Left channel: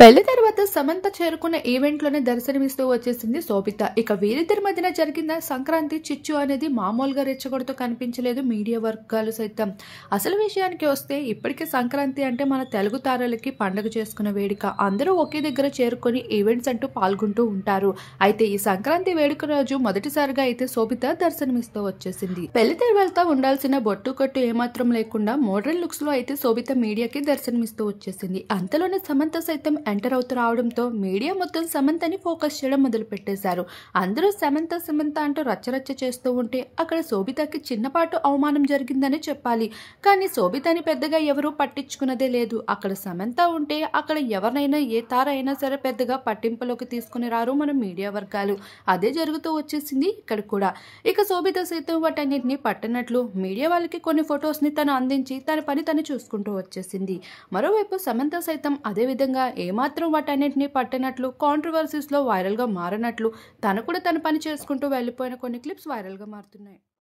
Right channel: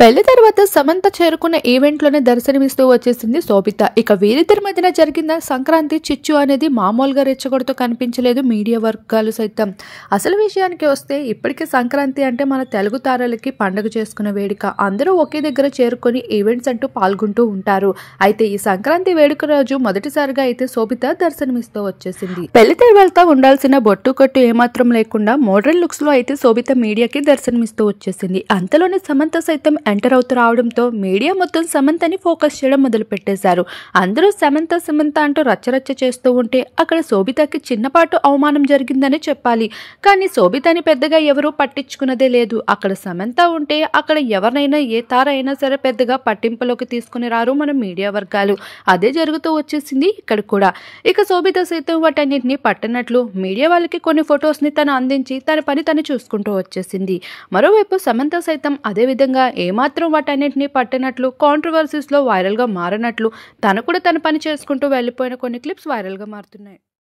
పెళ్లి తర్వాత సమంత చేరుకున్న ఈవెంట్లోనే దర్శనమిస్తూ వచ్చేసింది శోభిత. ఇక వీరిద్దరి మధ్యన జరిగిన సంక్రాంతి చిచ్చు అనేది మామూలుగా రెచ్చగొడుతూ కనిపించలేదు మీడియా వర్గాలు సైతం. అసలు విషయానికి వస్తే ఇప్పటికే సంక్రాంతి అంటే మన తెలుగు తారలకి పండుగ చేసుకునే వేడుక. అందరూ ఒకే దగ్గర చేరుకొని ఈవెంట్స్ అంటూ పాల్గొంటూ ఉంటారు. అయితే ఈ సంక్రాంతి వేడుక రోజు మొదటిసారిగా అయితే శోభిత దర్శనమిస్తూ వచ్చేసింది. పెళ్లి తర్వాత ఉండాల్సిన బొట్టు కట్టు ఏమాత్రం లేకుండా మోడర్న్ లుక్స్ లో అయితే శోభిత మీడియాకి దర్శనమిస్తూ వచ్చేసింది. అంతలోనే సమంత సైతం ఎంటర్ అవుతూ రావడంతో మీడియా మొత్తం సమంతని ఫోకస్ చేయడం మొదలు పెట్టేశారు. అందరూ సమంత సమంత అంటూ రచ్చరచ్చ చేస్తూ ఉంటే అక్కడ శోభితకి చిన్నపాటు అవమానం జరిగిందని చెప్పాలి. కానీ శోభితని పెద్దగా ఎవరూ పట్టించుకున్నదే లేదు. అక్కడ సమంత ఉంటే అక్కడ ఎవరినైనా ఏ తార అయినా సరే పెద్దగా పట్టింపులోకి తీసుకుని రారు మన మీడియా వర్గాలు. అదే జరుగుతూ వచ్చేసింది ఇక్కడ కూడా. ఇక శోభిత సైతం వాటన్నిటిని పట్టనట్లు మీడియా వాళ్ళకి కొన్ని ఫొటోస్ ని తను అందించి తన పని తను చూసుకుంటూ వచ్చేసింది. మరోవైపు సమంత సైతం అదే విధంగా ఏమాత్రం వాటన్నిటిని పట్టినట్లు కాంట్రవర్సీస్ లో వైరల్ గా మారినట్లు తను కూడా తన పని చేసుకుంటూ వెళ్ళిపోయిన కొన్ని క్లిప్స్ వైరల్ గా మారుతున్నాయి.